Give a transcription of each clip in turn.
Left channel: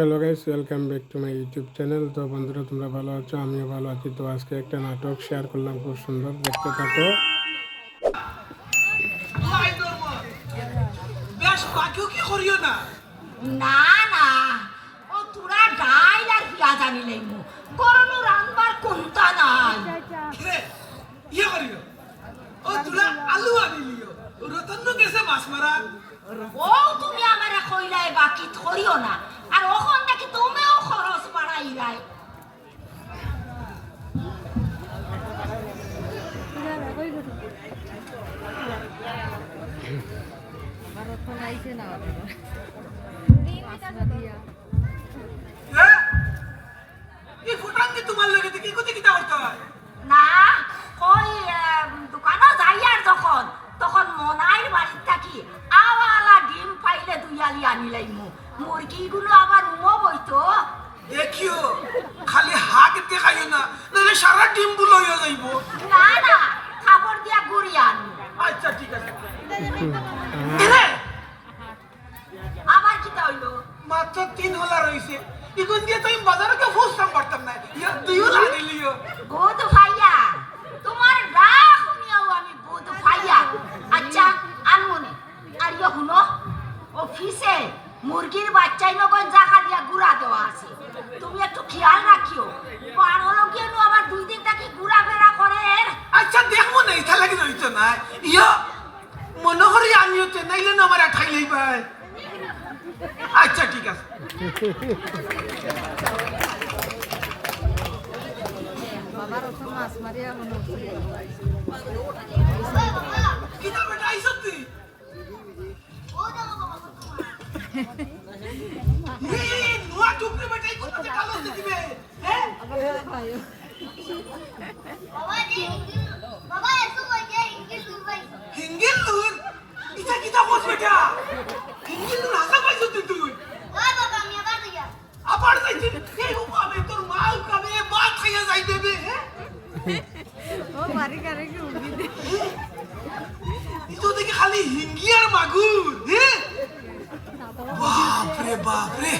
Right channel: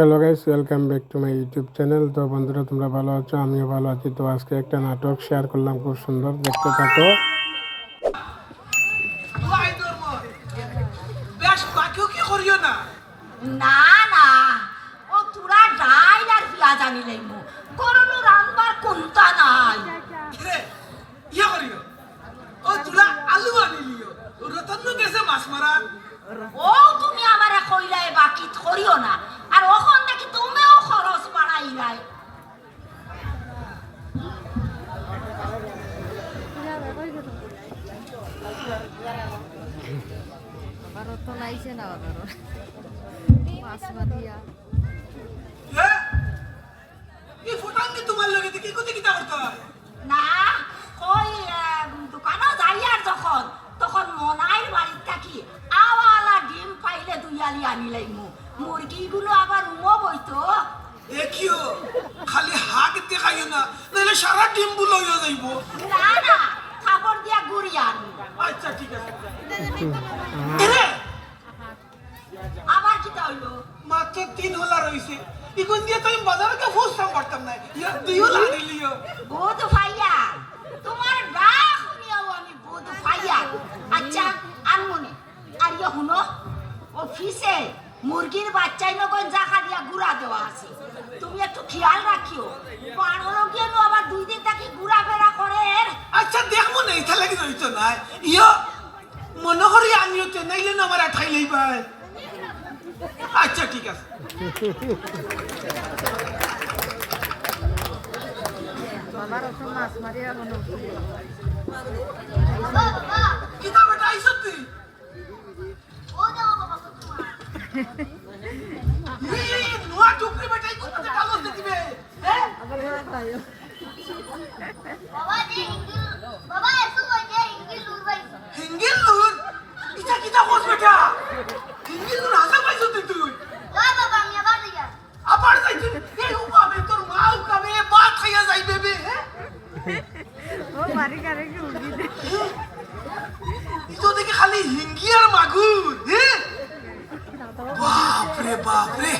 Hello guys, welcome back to my YouTube channel. তো বন্ধুরা, তোমরা ভালো আছো? আমিও ভালো আছি। তো আজকে একটা নাটক শেয়ার করলাম, খুব সুন্দর, দেখতে থাকো। না না, ও তুরা ডাইল আর পিঁয়াজ আনিলে করলো রান্নার কোনটা নাই। ইয়া করিও ও তুলা আলু আনিলিও রতন গেছে মাছ মারা। ও তুমি আমারে কইলাই বাকি করিও না, আর ওখান দেখি তুমিও খরচ বাড়াইলাই। তোমার লাগে কি কোথায় কিতা করতে হয় না কই দোকানে যাই আর যখন তখন মনাইর বাড়ির থাকি আওয়ালা ডিম পাইলে দুইয়ালি আনিলাই মুরগিগুলো আবার উমো বইতো। দেখিও খালি হাত দেখাইও না, নাহলে সারা ডিম বুলো হয়ে যাইব। না না, খাবার দিয়া গুড়ি আনি। আচ্ছা ঠিক আছে। আবার কিতা হইলো? মাত্র 3 হলা রইছে, ইগুন দিয়ে তো আমি বাজারে কে ফুসতাম পারতাম না। ইয়া 2 হলা দিলিও। বুধ ভাইয়া, তোমার ডাক শুনিয়াও আমি বুধ ভাইয়া। আচ্ছা আনমনে আর ইয়ে শুনো, অফিসে মুরগির বাচ্চাই নগন জায়গা দিয়া গুড়া দেওয়া আছে, তুমি একটু খেয়াল রাখিও। পাড়লো কেন আবার 2 দিন থেকে ঘুরা ফেরা করে। আচ্ছা দেখবো না, ইথা লাগি রইতো না। ইয়া মনে করি আনিও তো, নাইলে না আমার খাইলেই ভাই। আচ্ছা ঠিক আছে। বাবার অত মাছ মারিয়া মনে হচ্ছে কিতা বেটা আইছো তুই? এই নোয়া টুকরি বেটা কত টাকা লস দিবে? হ্যাঁ বাবা এসো বলে ইংলিশ উড়বাই হিঙ্গিল লুন ইটা কিতা কস বেটা? হিঙ্গিল লুন হাসা পাইছো তুই? না বাবা আমি আবার দিয়া আবার যাইতে এই উপাবে তোর মা উকাবে বাত খাইয়া যাইবে বে। হ্যাঁ ও মারি কারে কি উড়ি দে ইতো দেখে খালি হিঙ্গি আর মাগুর। হ্যাঁ বাপরে বাপরে,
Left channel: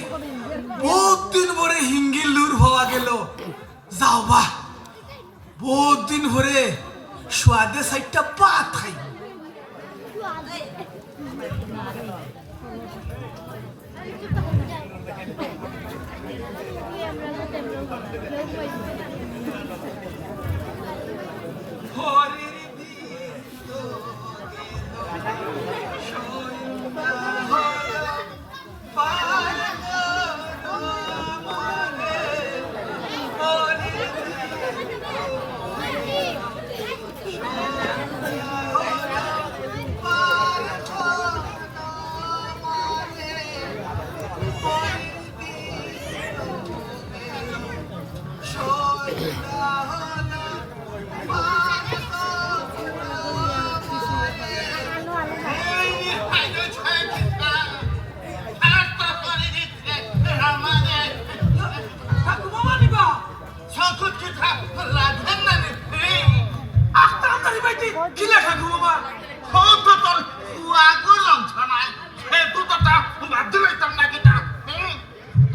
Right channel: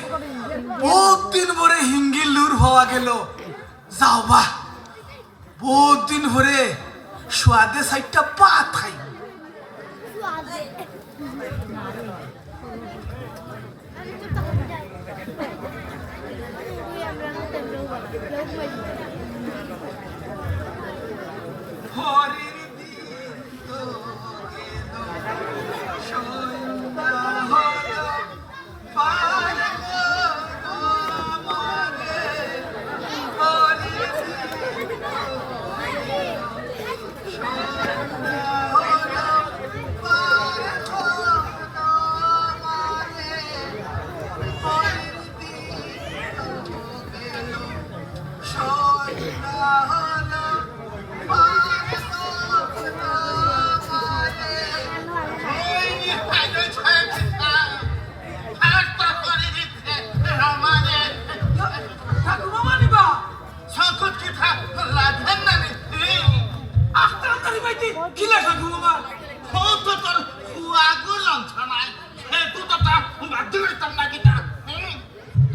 বহুত দিন পরে হিঙ্গিল লুর হওয়া গেল। যাও বা, বহুত দিন পরে স্বাদে সাইডটা পাত খাই।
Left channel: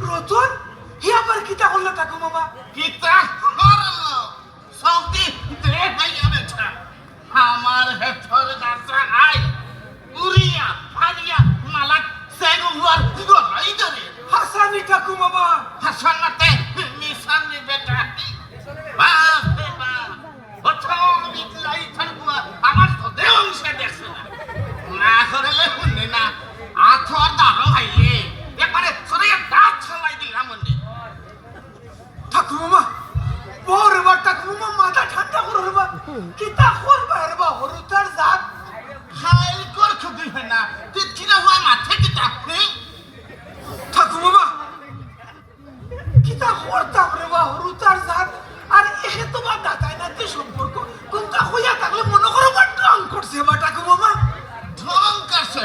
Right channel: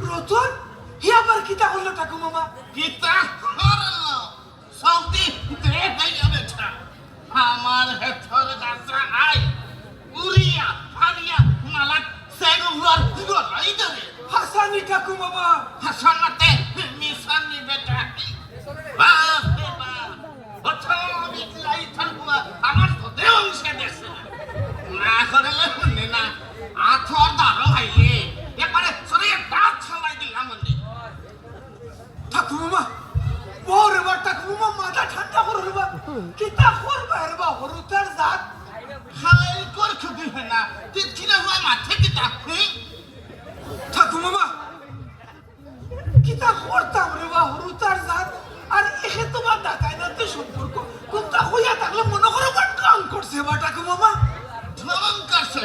রতন হি আবার কিতা করলো ঠাকুর মামা? কিতা করলো সৌদি দে ভাইয়া বেটা আমার হেফর দাসা আই উরিয়া ফালিয়া মালাক সেগুয়ার গলাই ধরে হাসানি ঠাকুর মামা। হাসানাতে নিশানি বেটা বাপ রে বাপ ওঠো বিলাই থাকুয়া আমার তো দেও মিশে দেখছে না করলে শুনে না আথো দাঁড়ো ভাইয়ে একবারে সরিয়ে দাঁত ছলাই দিলাম মনে। ঠাকুর মামা বড় রে বা ঠাকুর মামা মাথা ঠান্ডা করো রে বা, কিতা করবা রে বা হরুতার জাত। খাইল কর খুবই হয় না তুই কিনা হওয়া মাঠে কিতা ঠাকুর মামা কিতা করতাম রে বা হরুতার জাত। আর এসে তোমার দাদাই নাতি সম্পর্ক কোনটা হইয়া থাকলে মনে করো বা ঢং করছে বা ঠাকুর মামা। ঢং করছে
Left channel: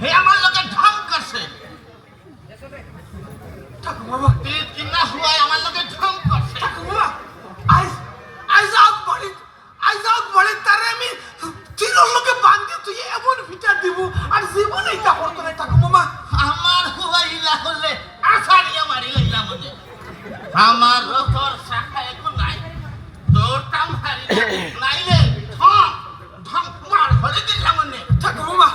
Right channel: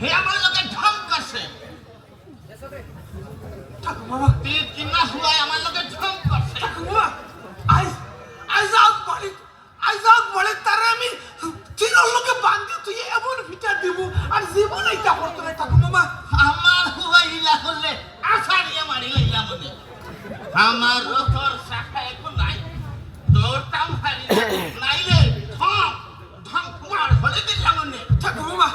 হে আমার লোকে ঢং করছে ঠাকুর মামা তুই কিনা হওয়া আমার লোকে ঢং করছে। ঠাকুর মামা আইজ আউট বলে তারে আমি তিনোর লোকে বান্ধি তুই এমন ভিটা দিব আর জীবনে এটা করতো না ঠাকুর মামা। আমার হুয়াইলা হলে আসারি আমার আমারও তোর শাখা এখন নাই তোর টাম হারি নাই রে ধম ধম মার হলে দিলাম নে ঠাকুমা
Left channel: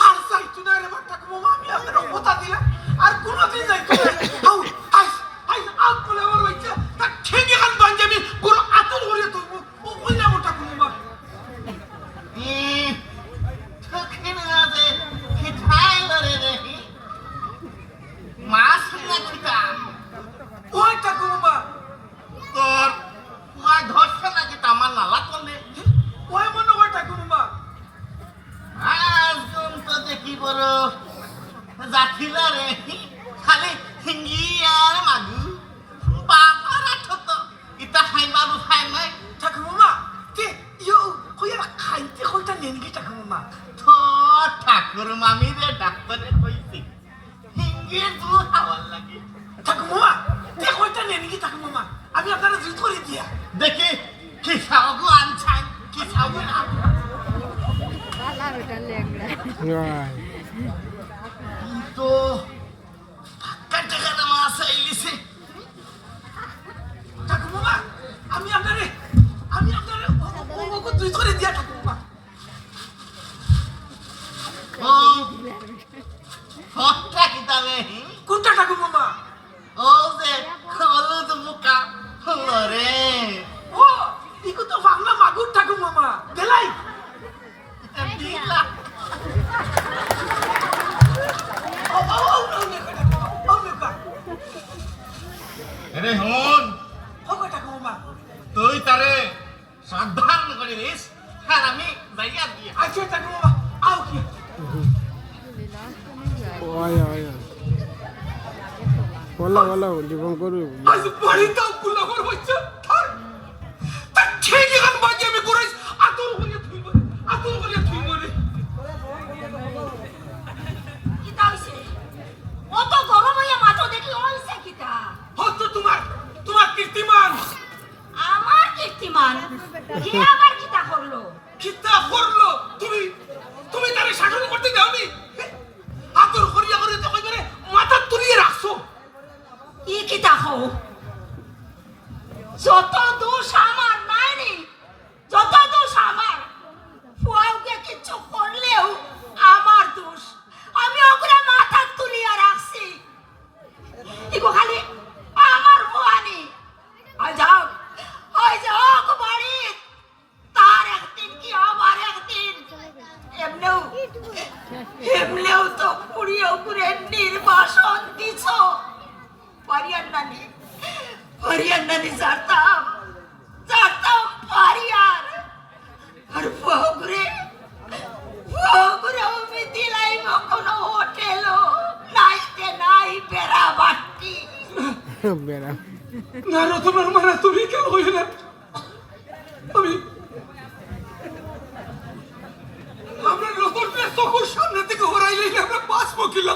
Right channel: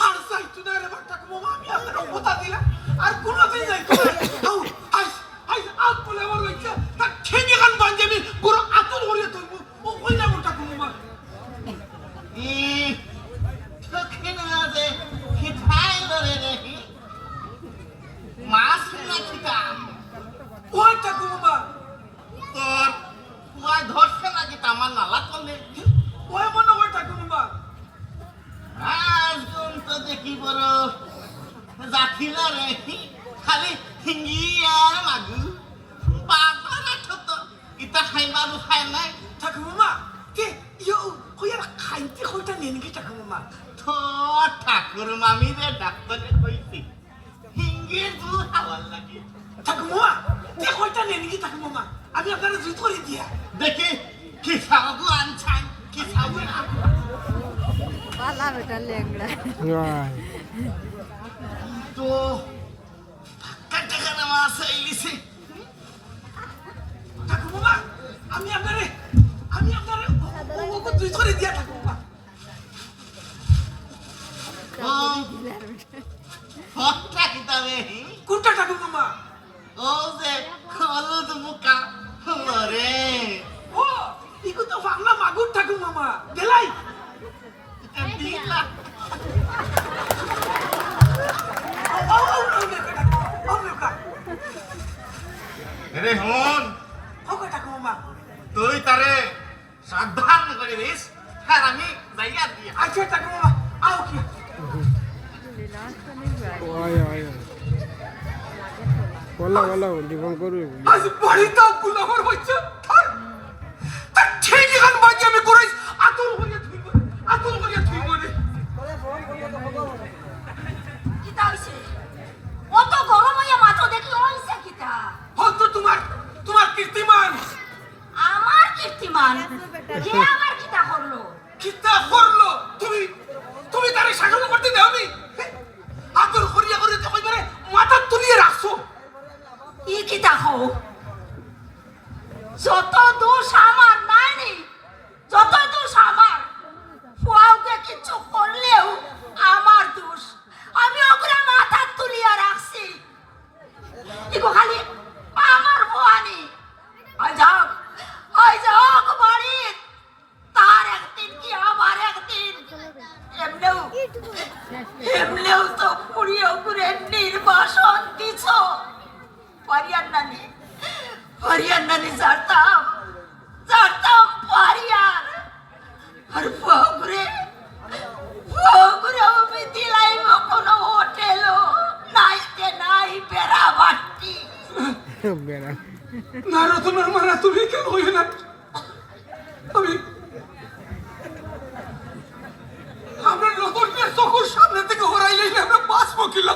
আর যাইতো না রে ঠাকুমা আমি আপনার কথা দিলাম আর কোনোদিন যাইতো না আউ আইস আইস আউ বলে আমার বাচ্চা তা ঠিক এখন বাঞ্জে আমি পুরো আতর করিয়ে তুলবো ও কই না আমার ঠাকুমা চোখে না খিঠাই ধরে রে মাছ না খিঠা ওই ঠাকুমা তোর মাছ ধরছে নাকি আমার নালা করলে ওই মনে হয় ঠাকুমা আজ তো দেখি বড় যাচ্ছিল রে খালি হিঙ্গি আর মাগু বাবার ঠত ইটা খাই বাবু খাই নাই ঠাকুমা কে ইয়ো কইরা খাইতে কইটা নেন কি ঠাকুমা তো ঠাকুর মামি রে ডাক্তারে কইছি হিঙ্গি দু হাওয়ার লাগে ঠাকুমা কে কইটা নেন কি ঠাকুমা আমি আপনারা জিত করে দিয়া দেখি কি সাবু আনছাই কি সাবু না বালা বেটা লেংড়া রাই তো কাটে কাটে মাছ আইলিছে ঠাকুমা আমি আপনারে ওকে জিত করে দিয়া ঠাকুমা ও ফটটা কিতাবে কোনটা ঠাকুমা ও যে হলুদ মুকা ওরে ও ইকো তো ফাগলা মাগুর ঠাকুমা গেলাই দিলা রে হন তুই তারে সাবধান করে দিস আর আমি জায়গা দিয়ে আচ্ছা ঠাকুমা আও কি ওই ওই বলা জীবন করবি আজ বড়ি দাও গুলাবার হইছে তা ঠিক এখন বাজে আমি করাই আতর করিয়া থুইব রে কিতা হইছে অত গরম হইয়া মাথা দেখি হইছে কিতা হয়তো তোমার কীর্তিমান আমার কীর্তিমান কে আবার কিতা করলো কিতা করলো তুমি তারে শাসন করতে দাওনি আতর করিয়া তো কইবারে মাথা তুলিয়ে রাখছো ই কিতা হও যত দোষ আমার নাইনি যত দোষ আমার ফুয়াওকে কিছু করলেও আমার দোষ আমি ওকে মাথা তুলিয়া রাখছি ইকো খালি আমার ফুয়ানি আজ হোক বাড়ি তার একদিন কি আমার একদিন এমনিও তো পুড়িয়ে উপরে নির্বাসন দিছ হরিয়ান্নানি ছাড়তাম পারিয়ার আর বগুড়ে আমি দিলাইব কোনো হোটেল নাইতে নাই বেড়া বাট্টি বেড়া না রতনের মারা তুমি কেন হইবে না আমরা নতুনকে চকুর সামনে থেকে হরাইলে আমরা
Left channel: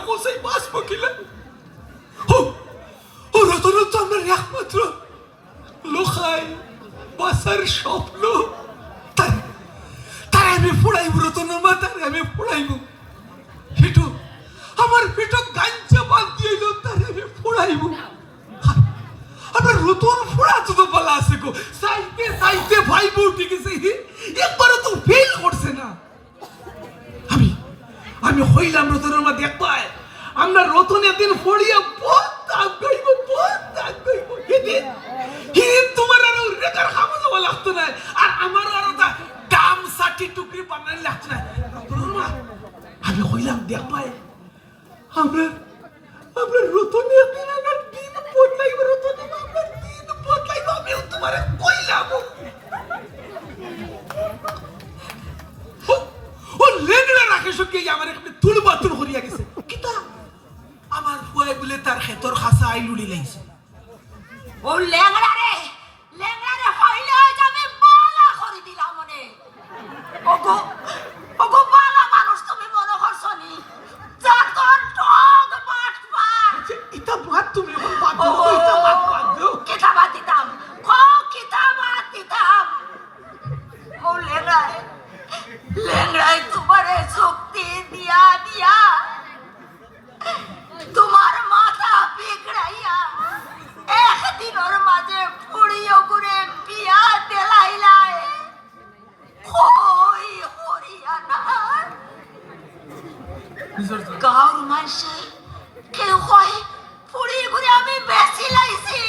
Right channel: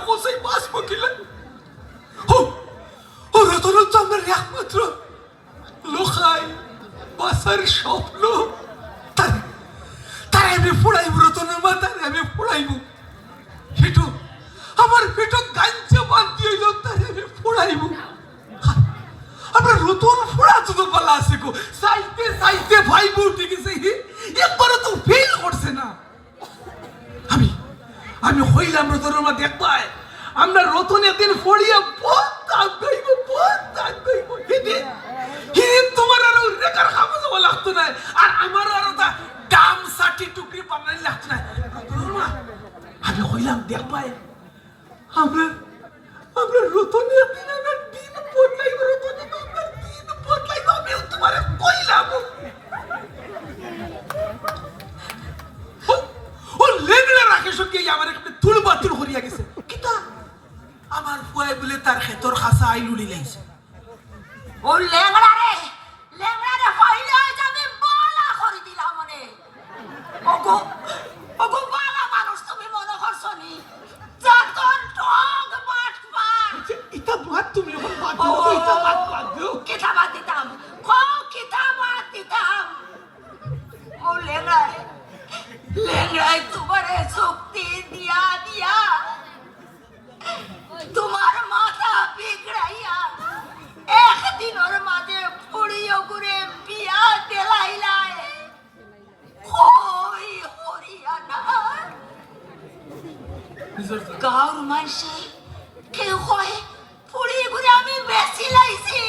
কোথায় বাঁচবো কিলা ও রতন তো আমার একমাত্র লোকাই বাসার স্বপ্ন তাই আমি ফোড়াইব রতনের মা তাই আমি ফোড়াইব ফিটু আমার ফিটু গাঞ্চা বান্ধি হইল তাই আমি ফোড়াইব আমরা নতুন ফোড়া তো বলা আছে গো সাইতে ভাই বউ ঠিক আছে একবারও তো ফেল করছে না আমি হইলাম রতনের মা দেখবাই আমরা রতনের দিন ফড়িয়া বহুত দাগ গাইব হিদিন তোমার আর রেকার খামো যাওয়া লাগতো না আর আমার আর দাম ষাটি টুকরি বানাই লাগতো না আমি হইলাম দেখবাই আমরা রতনের দিন আমরা দিন বদলাইব রতনের আমরা দিন বদলাইব আমি তোমার কইলাম ও লেংড়া রাখে সত্যি আমার একটা তুল বাতুল করিয়া গেছে কিতা আমার ফুয়াই বলে তার ক্ষেতর খাসা আইলুড়ি লাইছে ও লেংড়া রে হইলে যাবে বালা করে দিলাম মনে ওগো বালা মানুষ তুমি মনে করছো নি যার তোর টক বাট এটা বাদ তুমি এখন বাদ দাও এটা বাদ দাও কিতাবাত দিতাম ও লেংড়াই তোমারে শক্তি দিয়া তোমার মাথা বিগড়াইয়া একদিন ওর করে বিয়া দেলাইলাই ওই হরিয়ানার গাঁর মাইসে কেউ কয় পুড়ি ঘুরে আমি বেশি লাইছি,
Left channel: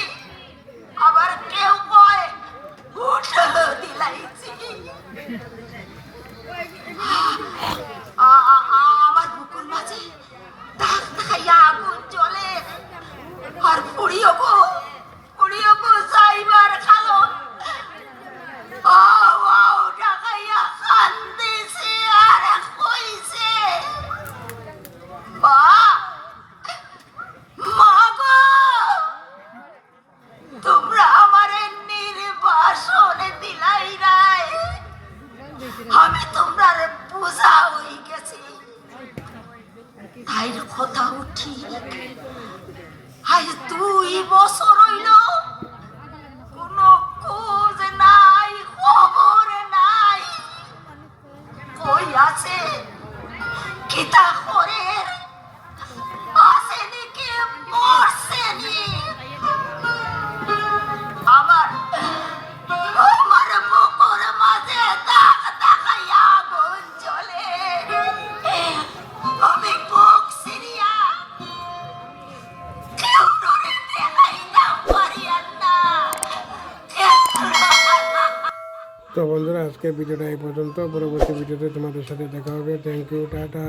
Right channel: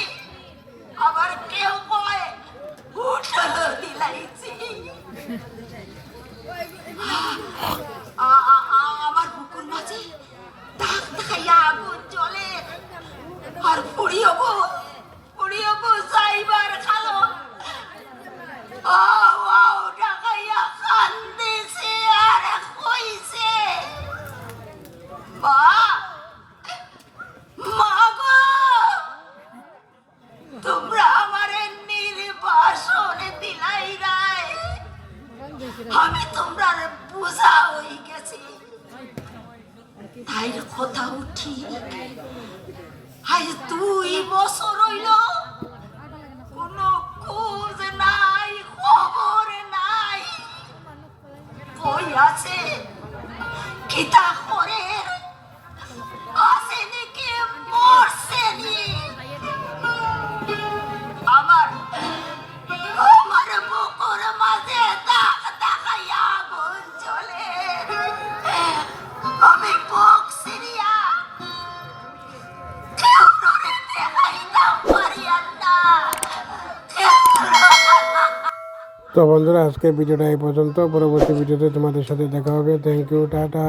আবার কেউ কয় উঠে দিলাইছি। আমার বুকুর মাঝে দাগ দেখাইয়া আগুন জ্বলে, আর পুড়িও গো যাইবার খালো ও ডাকাইয়া কান্দিছে আর কইছে মা গো তোমরা আমারে নির্বাসনে দিলাই রায়, আমি তোমরা বুঝা হই গেছি। তাই কথা উঠি আজ 2 বছর হইল কোনো খোঁজ নাই, খবর নাই, কই আছে কিতা করে আসেনি কে মরছেনি। আমার বুকুর মাঝে দাগ দেখাইয়া আগুন জ্বলে, আমি বুক সিরিয়া কেউ নরে দেখাইতাম পারিয়ান না। তো বন্ধুরা আজকে ভিডিওটা এই পর্যন্ত, পরবর্তী ভিডিওতে তোমাদের সাথে দেখা হবে। Thank you, tata.